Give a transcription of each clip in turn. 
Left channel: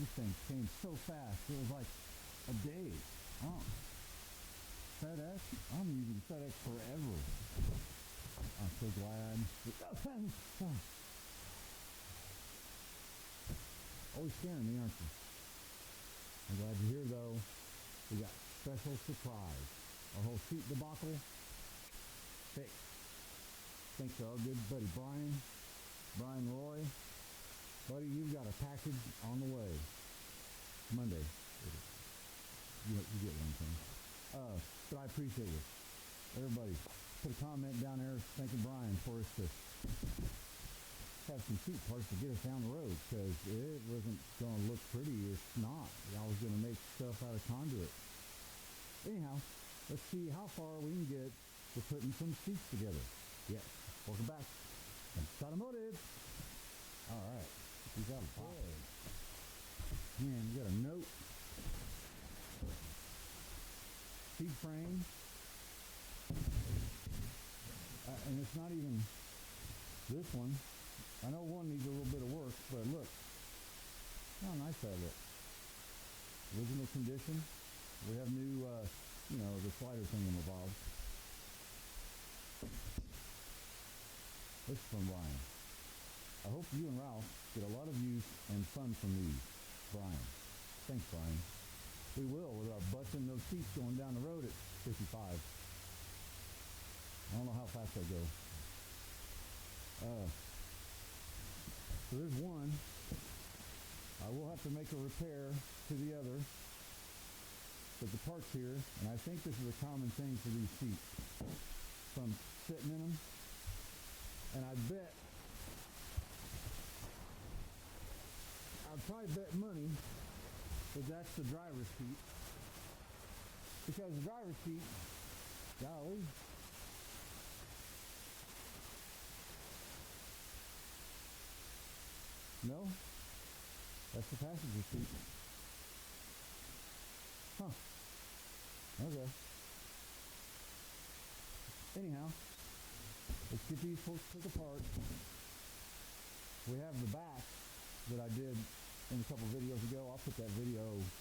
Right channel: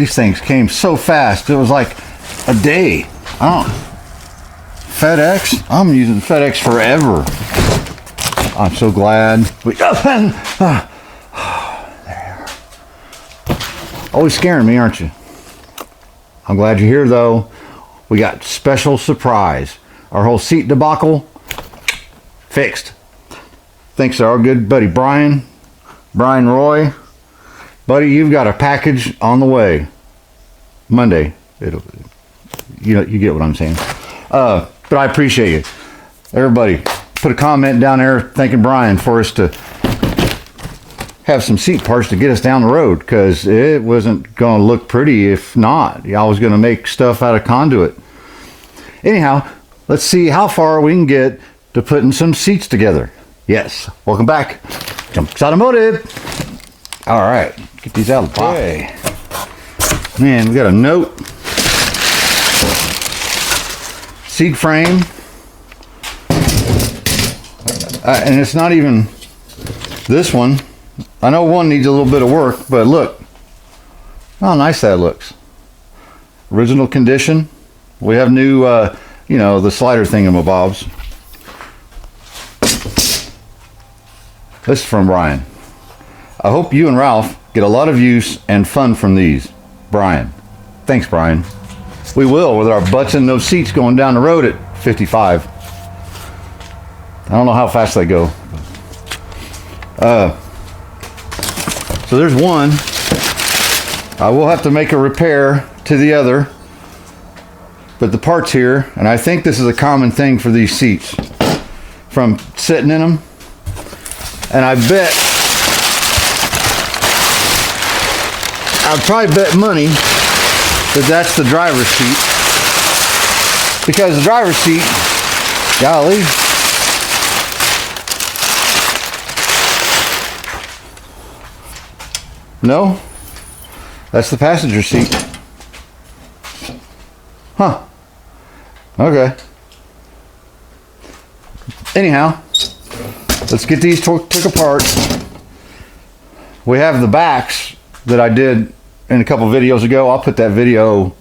These things came so fast. It was like a day. FedEx? I'm using FedEx forever. I'm so glad. There you are. Always scaring me, aren't you? I'm glad you're here, though. We got special surprise. Our whole seat debacle fixed. Thanks to our good buddy Brian Roy. Buddy, you've got a package on the way. Monday. You get what I'm saying. But I appreciate you. Everybody, put a comment down there thanking Brian for us to have some seat parts to get us down the road, because it wasn't going to look pretty if not. I was going to make stuff out of conduit. Anyhow, let's see how far we can get to putting some seats together. Yes, welcome back. Jumps Automotive. All right, get these out of the box. Okay. Man, we got a note. Seat frame. And it's not even this one. I know one needs a little bit of work, but look how nice that looks. Original condition. We have new, the slider thingamabobs. This is from Brian. I hope you and Ralph get a lot of use and fun from these. Brian. Thanks, Brian. We will, with our butts in those seats going down the road at 55. I don't know how fast they go. So there's one. I will have to make a repair to the other. But the part's here, and I think this is a common thing for these seats. From sitting in them. And I'd probably bet money that that's the driver's seat. Because the driver's seat, golly, no, that's the passenger seat. Huh. Okay. Anyhow, let's get these took apart. We have the backs that I did in a couple videos ago. I'll put that video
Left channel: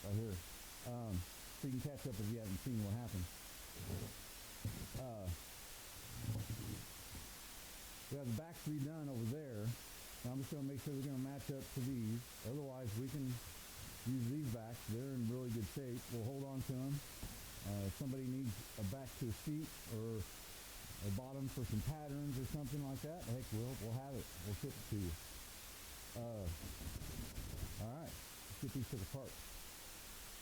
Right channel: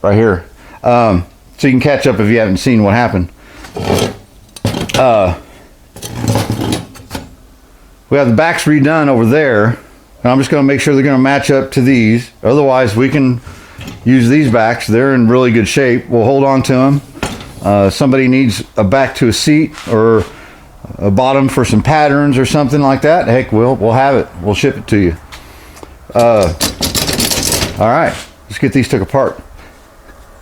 right here, so you can catch up if you haven't seen what happened. We have the backs redone over there, and I'm just going to make sure they're going to match up to these. Otherwise, we can use these backs. They're in really good shape. We'll hold on to them. Somebody needs a back to a seat or a bottom for some patterns or something like that. Heck, we'll have it. We'll ship it to you. All right, let's get these took apart.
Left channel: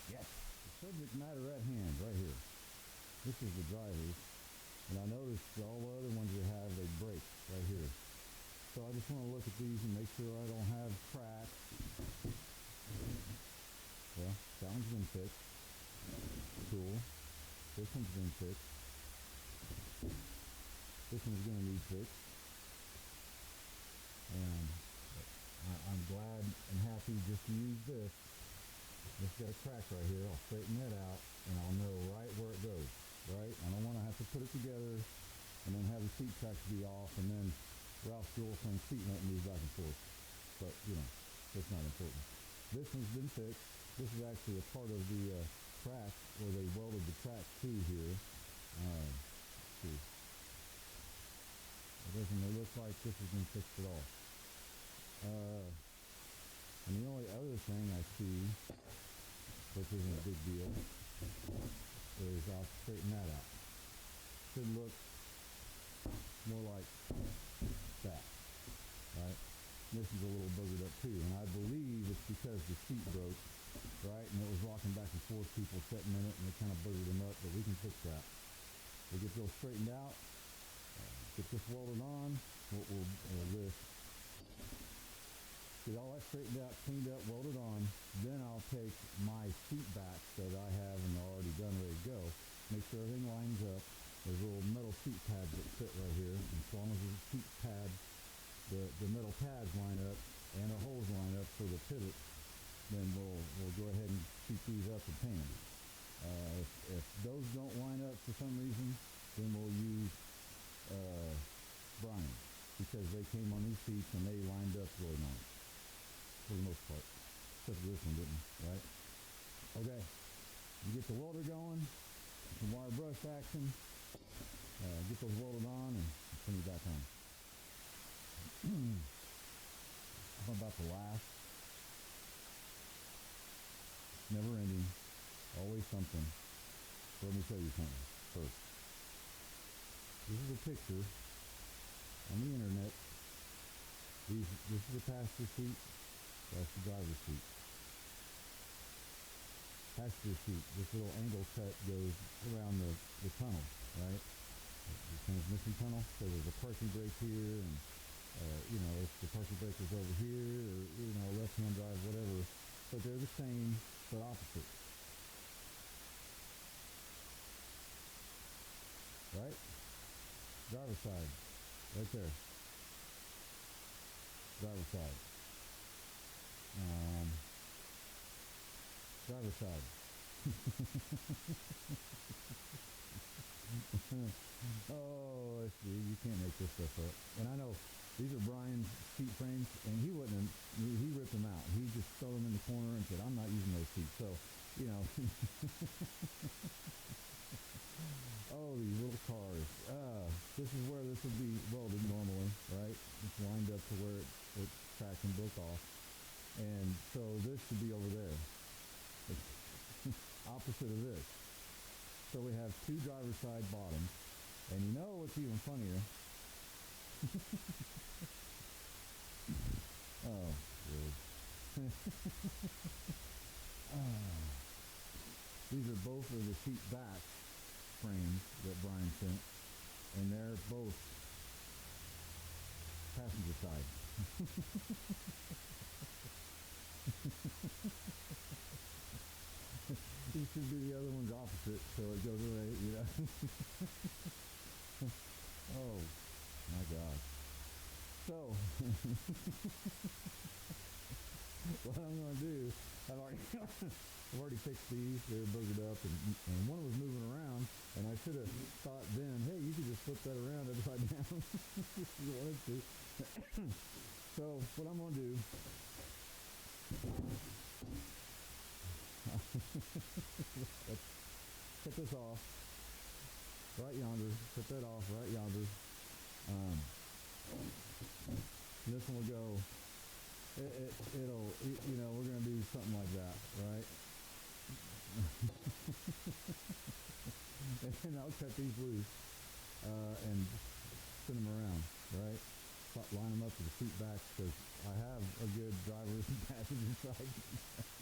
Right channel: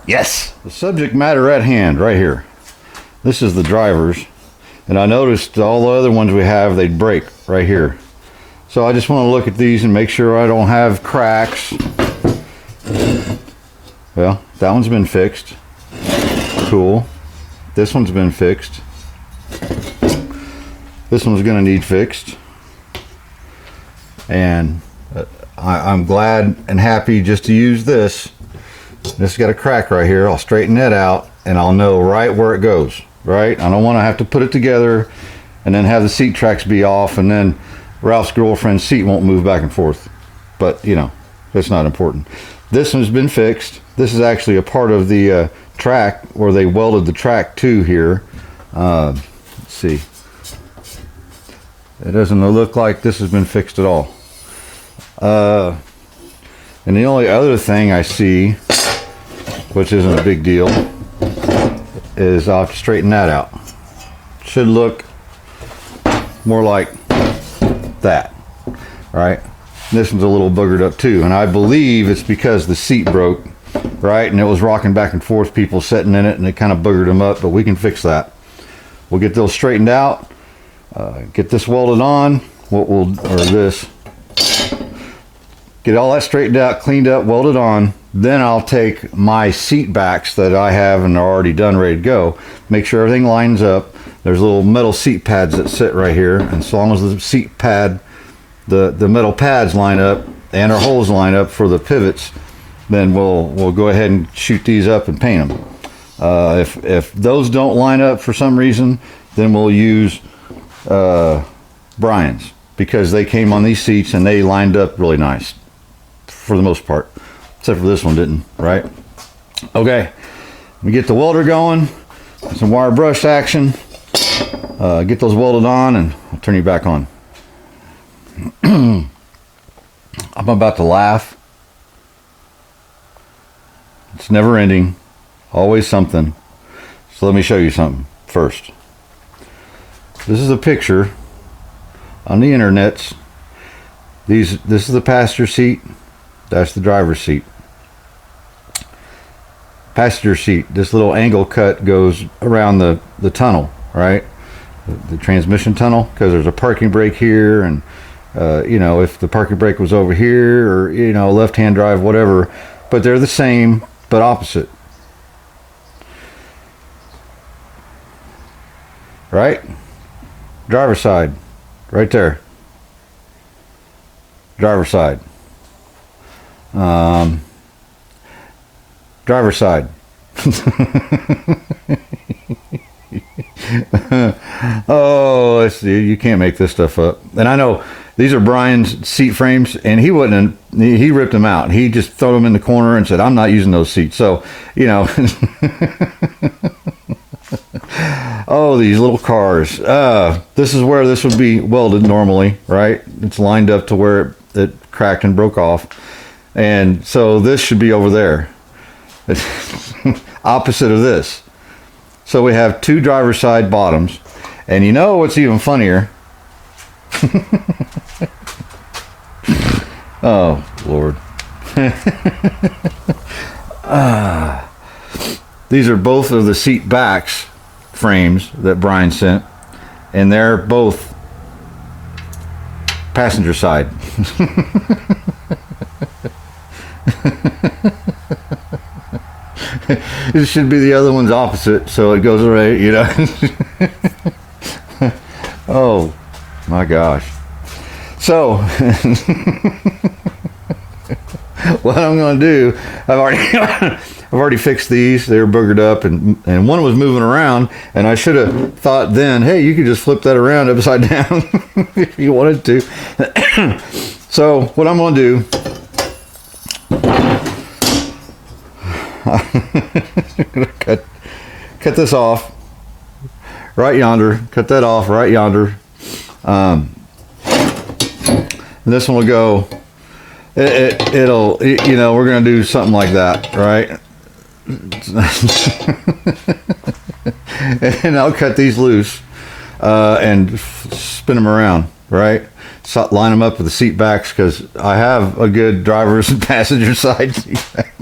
Yes, the subject matter at hand right here. This is the drivers, and I noticed all the other ones we have, they'd break right here. So I just want to look at these and make sure I don't have cracks. Well, that one's been fixed. Cool. This one's been fixed. This one's going to need fixed. And I'm glad and happy just to use this. This got a crack right here. I'll straighten that out and I'll know right where it goes. Right? I don't want to have to put it together and then have the seat tracks be off, and then Ralph's girlfriend's seat won't move back and forth. But, that's not important. This one's been fixed. This is actually a part of the track where they welded the track to here. Let's see. It doesn't look like this has been fixed at all. And the only other thing I see, which isn't a big deal, is I'll have to straighten that out. Should look more like that, right? This one's a little boogered up too, and I believe it's because the seat broke, right? And it was rocking back and forth, people sitting in it, and it kind of boogered them up, but we can fix that. We'll get those straightened out, get this welded on, get all that straightened out, cleaned up, welded on. Then I'll take my seat backs that I have and are already done, ready to go, make sure everything lines up. There's little metal seat pads that sit right here, and as long as the seat pad, the metal pads line up and our holes line up for the pivots, then we'll go ahead and shoot these up and paint them. If those don't line up for some reason, then we'll use Brian's, because they came on these seats and they lined up really nice. for the most part, except for this one didn't, right? Okay, we get the welder going, some wire brush action, get those welded on, and I'll turn you back on. I'm about to laugh. It's never ending, always something. So let me show you something first. This is a picture on the internets. This is the passenger seat, that's the driver's seat. Passenger seat, this little angle cut goes around the tunnel, right? The transmission tunnel, because there's a parking brake here, and you know, if the parking brake was over here, or you know, left-hand drive, whatever, but they're the same but opposite, right? Driver's side, right there. Driver's side. Driver's side. Oh, let's see. You can't make this stuff up. And I know these are Brian's seat frames, and he wouldn't. He ripped them out. He just threw them in the corner and said, "I'm not using those seats." So, you know. Oh, these little cars. This is where this would be welded normally, right? It's lined up to where it cracked and broke off. And so this should be over there. Opposite of this. So we have two driver's side bottoms. And you know what's even funnier? Oh, Lord. These are both of the seat backs frames that Brian sent, and they're both passenger side. It should be the other one's opposite, so it goes right, you know. Oh my gosh. So what I'm going to do, I've already fixed these. They were boogered up, and one was moving around, and I should have thought then, hey, you could just flip that around upside down if you wanted to. So what I'm going to do, cut this off right yonder, cut that off right yonder, and this one will go, it'll, you know, we're going to do something like that, right? And I'll cut these loose and spin them around, right? So line them up with the seat backs, because I have a good driver's and passenger side seat back.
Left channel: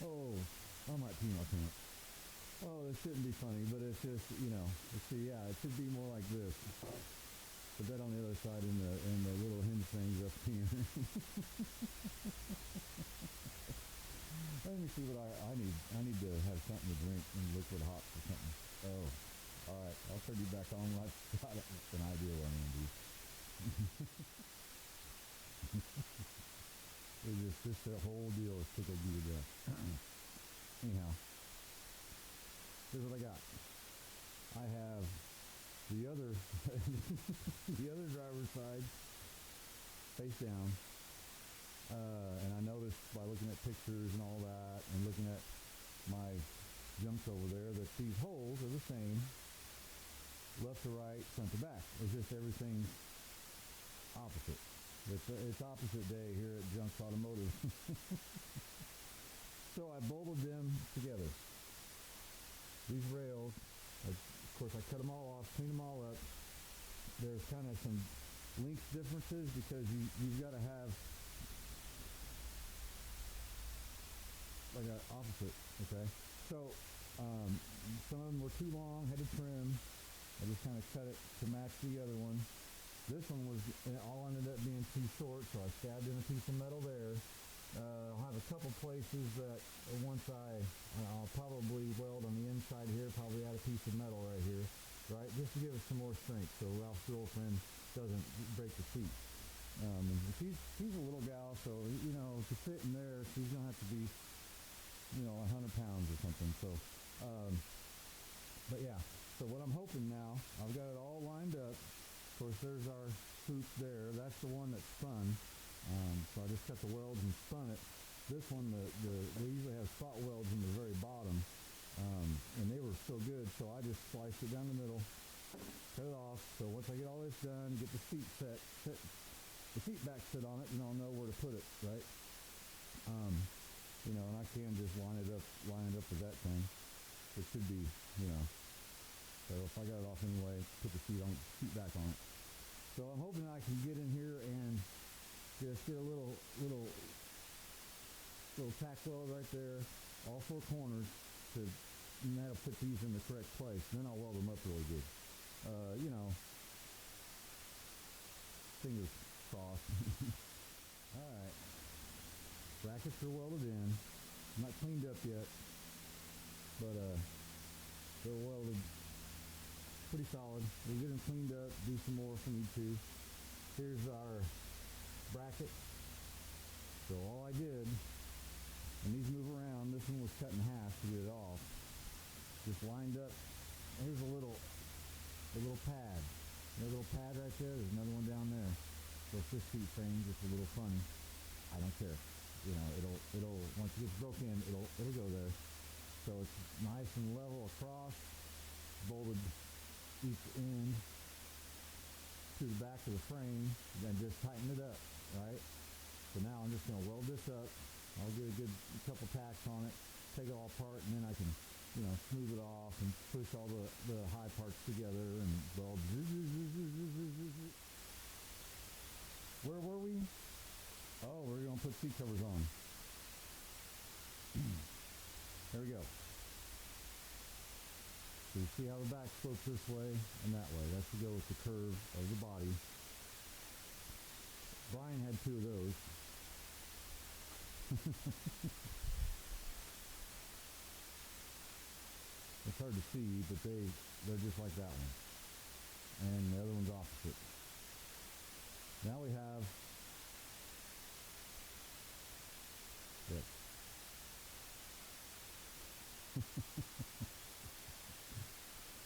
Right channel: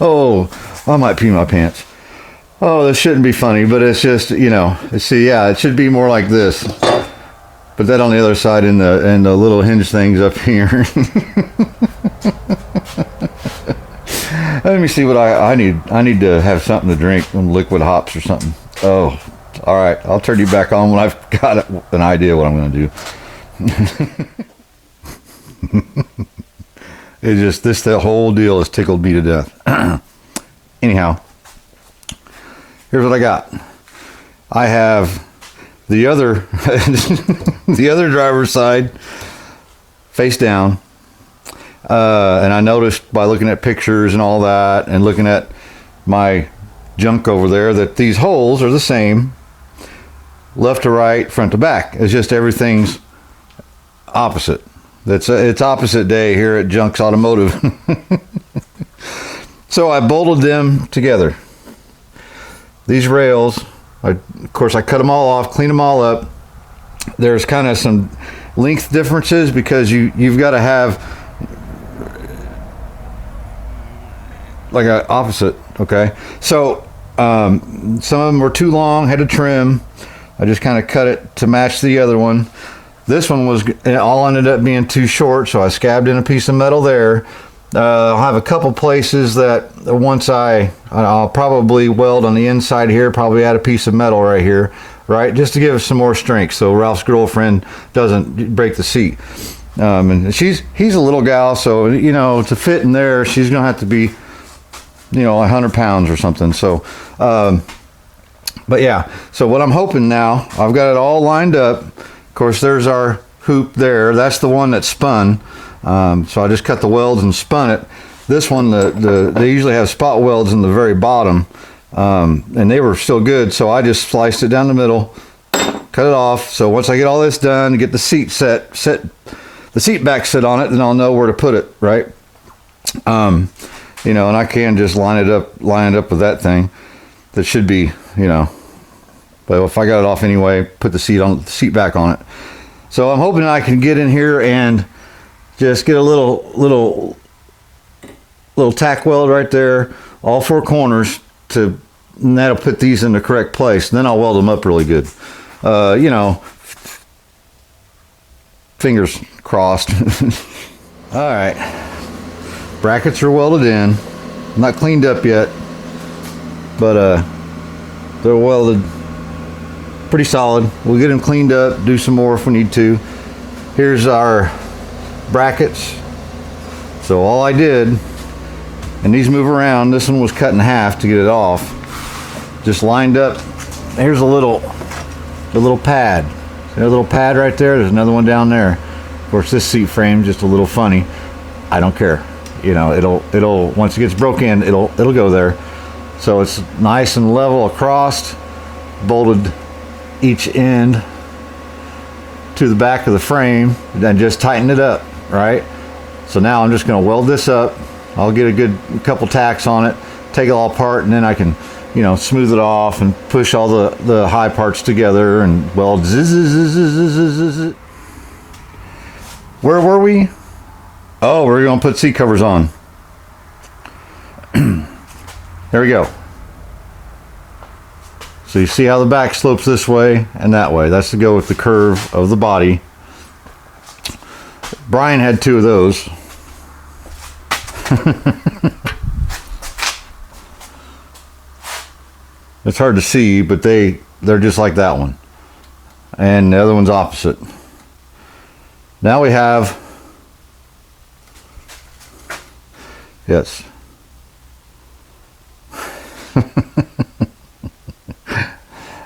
Oh, I might pee my pants. Oh, this shouldn't be funny, but it's just, you know, see, yeah, it should be more like this. Put that on the other side, and the little hinge things up here. Let me see what I need. I need to have something to drink, some liquid hops or something. Oh, all right. I'll turn you back on when I've got an idea what I'm going to do. It just, the whole deal has tickled me to death. Anyhow, here's what I got. I have the other the other driver's side face down, and I noticed by looking at pictures and all that, and looking at my junk over there, that these holes are the same left to right, front to back. It's just everything's opposite. It's opposite day here at Junks Automotive. So I bolted them together. These rails, of course, I cut them all off, cleaned them all up. There's kind of some length differences, because you've got to have like an opposite, okay? So some of them were too long, had to trim. I just kind of cut it to match the other one. This one was all ended up being too short, so I scabbed in a piece of metal there. I'll have a couple places that once I'll probably weld on the inside here, probably add a piece of metal right here, right, just to give us some more strength, so Ralph's girlfriend doesn't break the seat. And he's a little gal, so you know, to fit in there, she's gonna have to be, you know, 100 pounds or something. So, but yeah. So what I'm hoping now, I've got it all lined up. Of course, there's our hoop there. That's the one that spun. So I just cut the welds and spun it. This one, they usually have spot welds in the very bottom, and they were still good. So I just sliced it down the middle, cut it off. So once I get all this done, get the seat set the seat back set on it, then I'll know where to put it, right? You know, and I can just line it up with that thing. That should be, you know, but if I got it off anyway, put the seat back on it. So I'm hoping I can get in here and just get a little tack weld right there, all four corners, and that'll put these in the correct place. And then I'll weld them up really good. You know, fingers crossed. All right, brackets are welded in, not cleaned up yet, but they're welded pretty solid. We'll get them cleaned up, do some more if we need to. Here's our brackets. So all I did, and these move around, this one was cut in half to get it off, just lined up. Here's the little pad. See that little pad right there? There's another one down there. Of course, this seat frame just a little funny. I don't care. You know, it'll once it gets broke in, it'll go there. So it's nice and level across, bolted each end to the back of the frame, and just tighten it up, right? So now I'm just going to weld this up. I'll get a good couple tacks on it, take it all apart, and then I can, you know, smooth it off and push all the high parts together and weld. Where were we? Oh, we're going to put seat covers on. There we go. So you see how the back slopes this way and that way. That's to go with the curve of the body. Brian had two of those. It's hard to see, but they're just like that one. And the other one's opposite. Now we have, yes.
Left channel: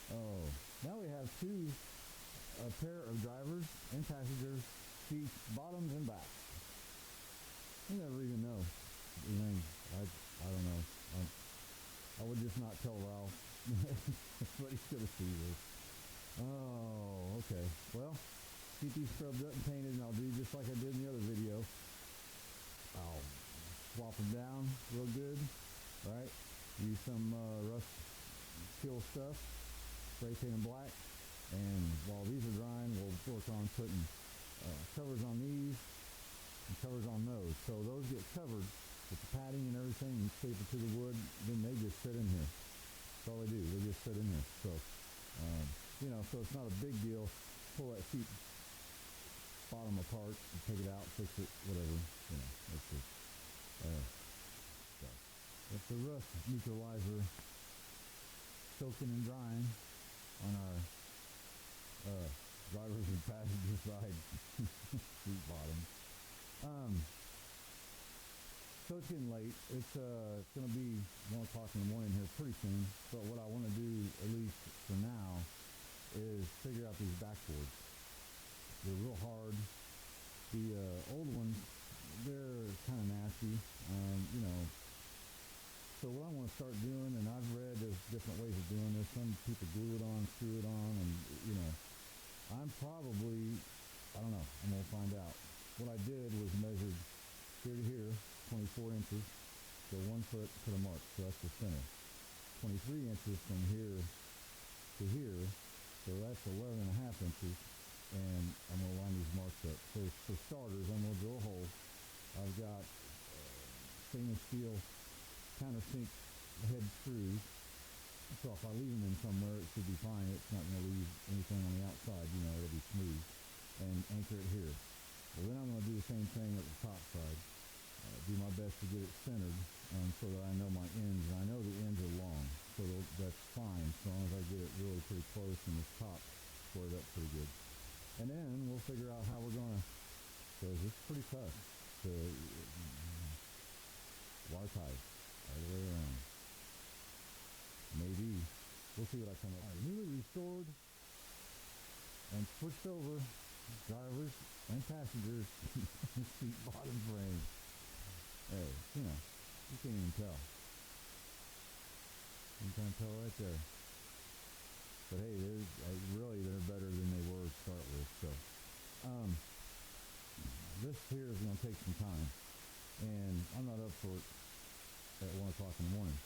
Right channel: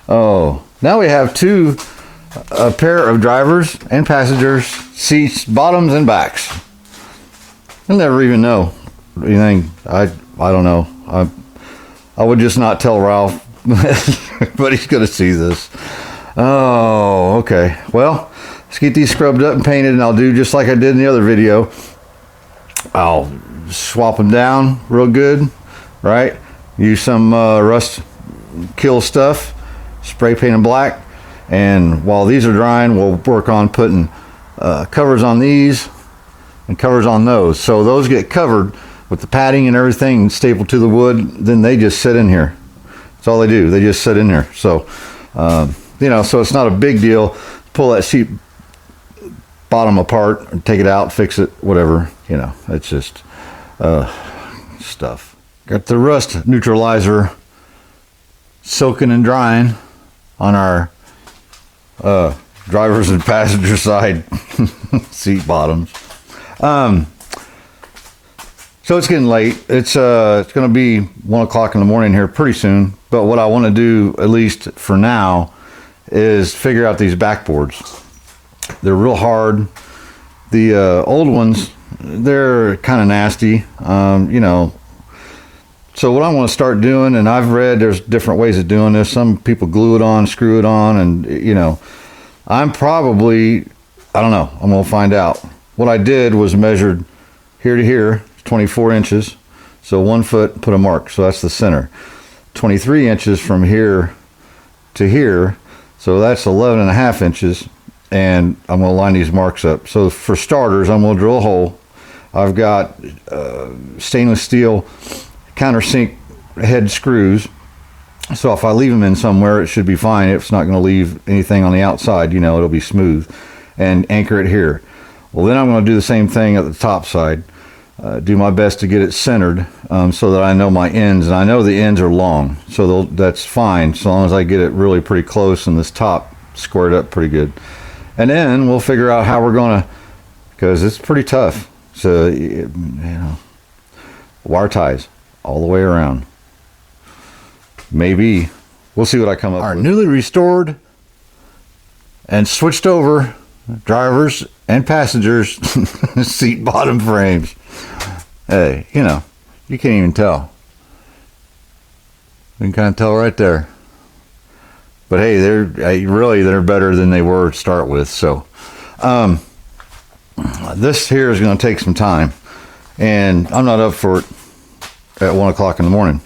Oh, now we have a pair of drivers and passengers seats, bottoms and backs. You'll never even know anything. I don't know. I would just not tell Ralph, but he's gonna see this. Oh, okay. Well, let's get these scrubbed up and painted, and I'll do just like I did in the other video. I'll swap them down real good, right? Use some rust kill stuff, spray paint them black, and while these are drying, we'll work on putting covers on these and covers on those. So those get covered with the padding and everything stapled to the wood, then they just sit in here. That's all they do. They just sit in here. So, you know, so it's not a big deal. Pull that seat bottom apart, and take it out, fix it, whatever. You know, it's just stuff. Got the rust neutralizer soaking and drying on our drivers and passenger side seat bottoms. So it's getting late. It's going to be 1 o'clock in the morning here pretty soon. But what I want to do, at least for now, is figure out these backboards. They're real hard. The old ones, they're kind of nasty, you know. So what I want to start doing, and I've read there's different ways of doing this. Some people glue it on, screw it on, and, you know, I'm probably, I don't know. I'm going to find out. What I did was measured here to here, 24 inches. So 1 foot, put a mark. So that's the center. 23 inches from here to here. So that's 11.5 inches. And I'm going to line these marks up. So for starters, I'm going to drill a hole. I've got stainless steel countersink head screws. So if I leave them in somewhere, it should be fine. It's not going to leave anything on the outside. You know, it'll be smooth. And anchor it here. Well, then I'm going to do the same thing at the top side. Do my best to get it centered so that I know my ends. And I know the ends are long. So that's fine so long as I get it really pretty close and this top squared up pretty good. And then we'll figure out how we're going to, because it's pretty tough. So, you know, wire ties all the way around. Maybe. We'll see what I come up with. Our newly restored and switched over drivers and passengers seat bottom frames. Hey, you know, you can't even tell. You can kind of tell right there. But hey, they're better than they were to start with. So this here is going to take some time, and I'm not up for it at 1 o'clock in the morning.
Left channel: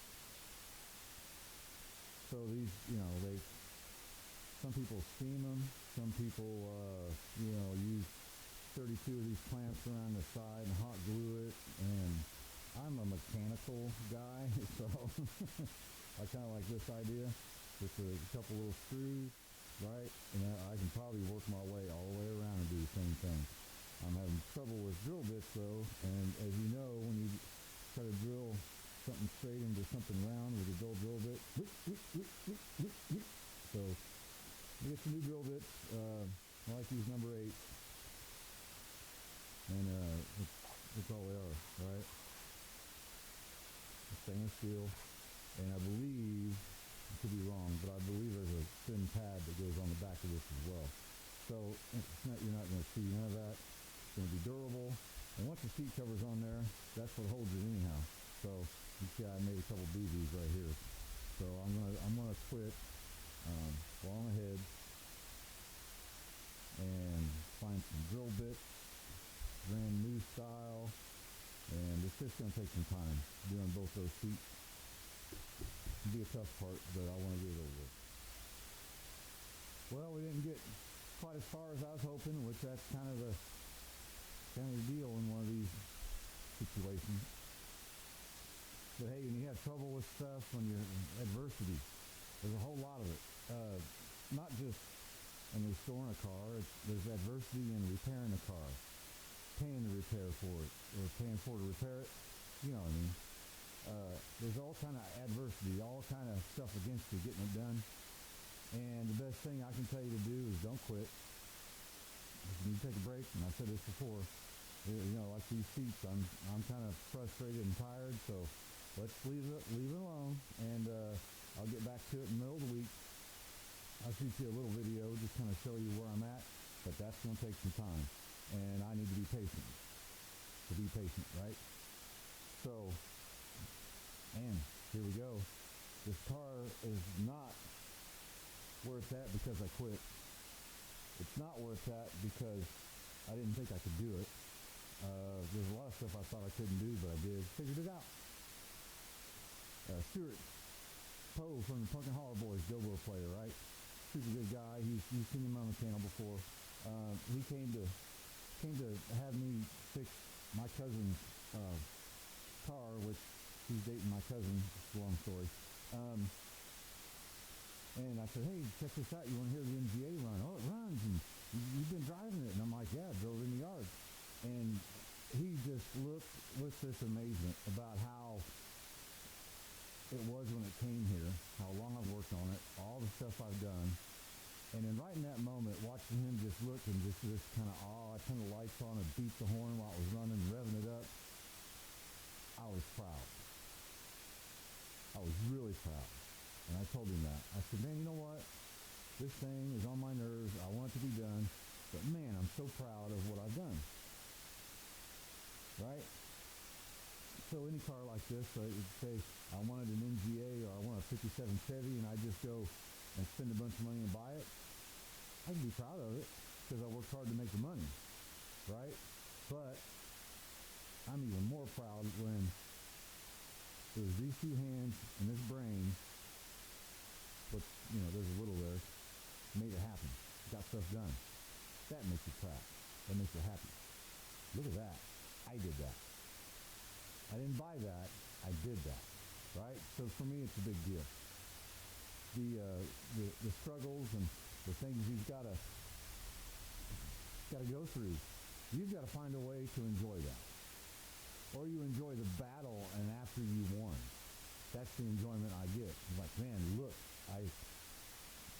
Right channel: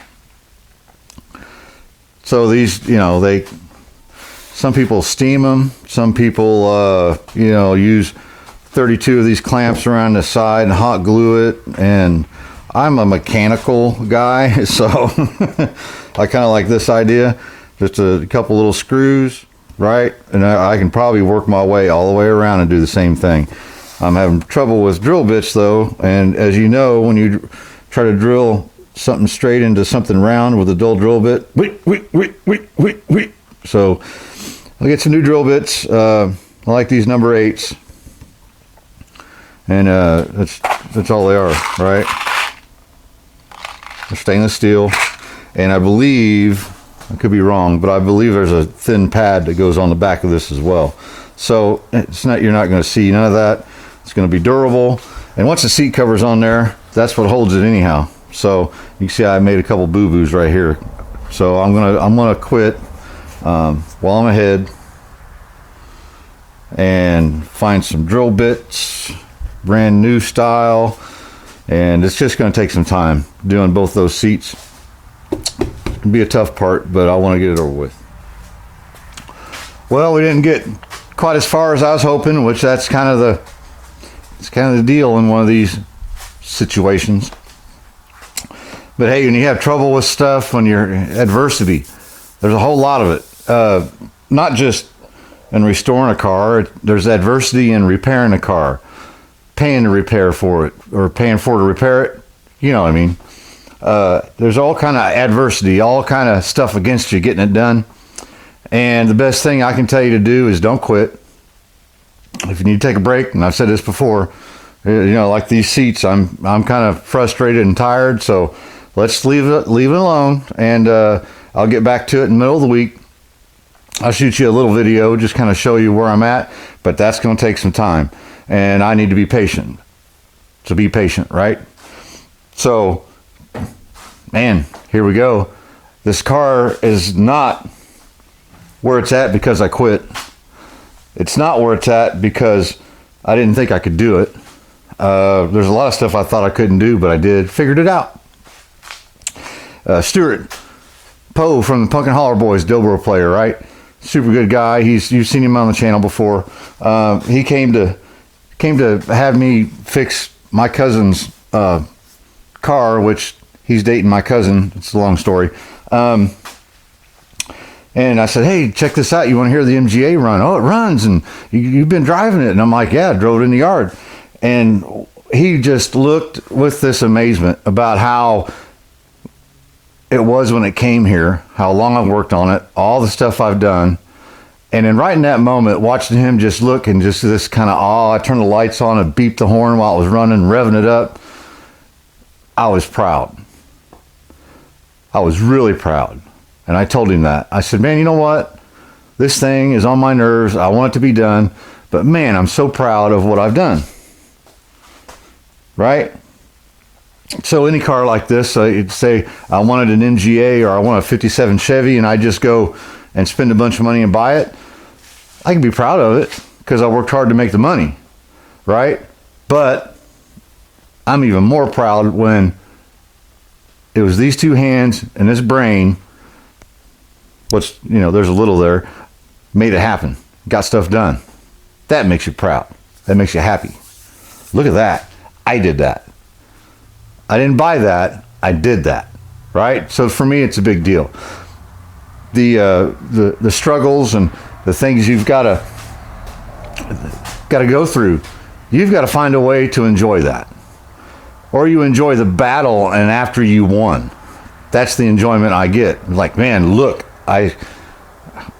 So these, you know, some people steam them. Some people, you know, use 32 of these clamps around the side and hot glue it. And I'm a mechanical guy, so I kind of like this idea. Just a couple little screws, right? And I can probably work my way all the way around and do the same thing. I'm having trouble with drill bits though. And as you know, when you try to drill something straight into something round with a dull drill bit, so I'll get some new drill bits. I like these number 8s. And that's all they are, right? They're stainless steel. And I believe, I could be wrong, but I believe there's a thin pad that goes on the back of this as well. So you're not going to see none of that. It's going to be durable. And once the seat cover's on there, that's what holds it anyhow. So you can see I made a couple boo-boos right here. So I'm gonna quit while I'm ahead and find some drill bits, brand new style, and it's just going to take some time doing both those seats. It can be a tough part, but I want to get it over with. Well, we didn't get quite as far as I was hoping, which that's kind of the deal in one of these situations. But hey, when you have trouble with stuff, when you're adversity, there's a whole lot of it. Not just in restoring a car, there's adversity in repairing a car, paying to repair for it, or paying for to repair it. You know what I mean? There's all kind of adversity, all kind of stuff against you getting it done. And the best thing I can tell you to do is don't quit. If you need to take a break, and I've said this before, you know, like these seats, I'm kind of frustrated and tired, so let's leave it alone, and I'll get back to it in the middle of the week. I'll shoot you a little video, just kind of show you where I'm at, but that's going to take some time, and I need to be patient. So be patient, right? So, man, here we go. This car is not where it's at because I quit. It's not where it's at because I didn't think I could do it. There's a lot of stuff I thought I couldn't do, but I did. Figured it out. Stuart Poe from the Pumpkin Holler Boys, dobro player, right? Super good guy. You've seen him on the channel before. He came to have me fix my cousin's car, which he's dating my cousin. It's a long story. And I said, hey, check this out. You want to hear the MGA run? Oh, it runs, and you've been driving it. And I'm like, yeah, I drove it in the yard. And he just looked with this amazement about how it was when it came here, how long I've worked on it, all the stuff I've done. And then right in that moment, watching him just look and just this kind of awe, I turned the lights on and beeped the horn while it was running, revving it up. I was proud. I was really proud. And I told him that. I said, man, you know what? This thing is on my nerves. I want it to be done. But man, I'm so proud of what I've done. Right? So any car like this, you'd say I wanted an MGA or I want a 57 Chevy, and I just go and spend a bunch of money and buy it. I can be proud of it because I worked hard to make the money, right? But I'm even more proud when it was these two hands and this brain, there's a little there, made it happen, got stuff done. That makes you proud. That makes you happy. Look at that. I did that. I didn't buy that. I did that, right? So for me, it's a big deal. The struggles and the things you've got to go through, you've got to find a way to enjoy that. Or you enjoy the battle, and after you won, that's the enjoyment I get. Like, man, look, I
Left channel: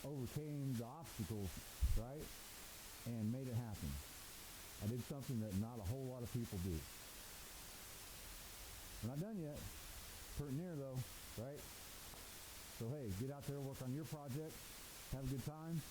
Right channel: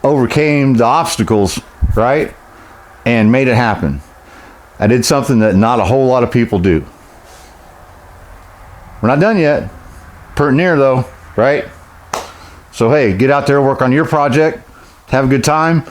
overcame the obstacles, right? And made it happen. I did something that not a whole lot of people do. We're not done yet. Pretty near though, right? So hey, get out there, work on your project, have a good time,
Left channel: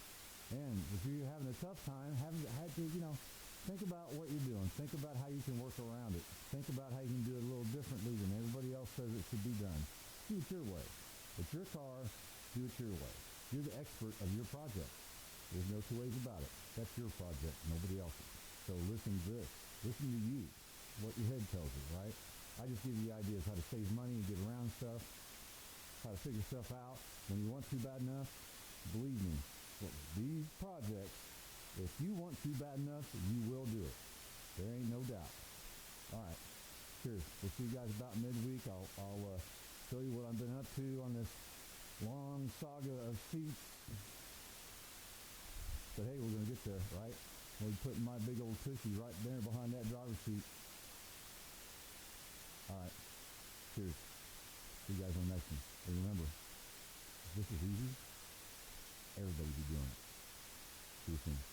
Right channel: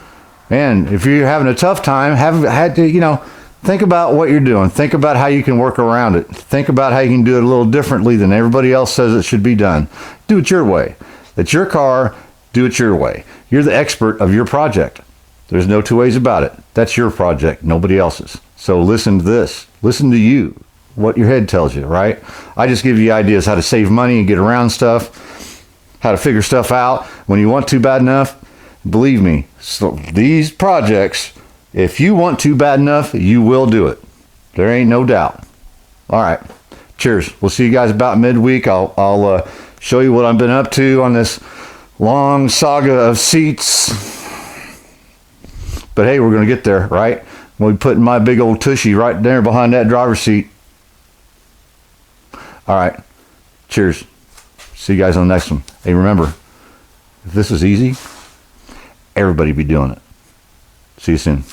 And if you're having a tough time, had to, you know, think about what you're doing. Think about how you can work around it. Think about how you can do it a little differently than everybody else says it should be done. Do it your way. It's your car. Do it your way. You're the expert of your project. There's no two ways about it. That's your project, nobody else's. So listen to this. Listen to you, what your head tells you, right? I just give you ideas how to save money and get around stuff, how to figure stuff out when you want to bad enough. Believe me, so these projects, if you want to bad enough, you will do it. There ain't no doubt. All right. Cheers. We'll see you guys about midweek. I'll show you what I've been up to on this long saga of seats. But hey, we're going to get there, right? We'll be putting my big old tushy right there behind that driver's seat. All right. Cheers. See you guys on the next one. Hey, remember, if this was easy, everybody be doing it. See you soon.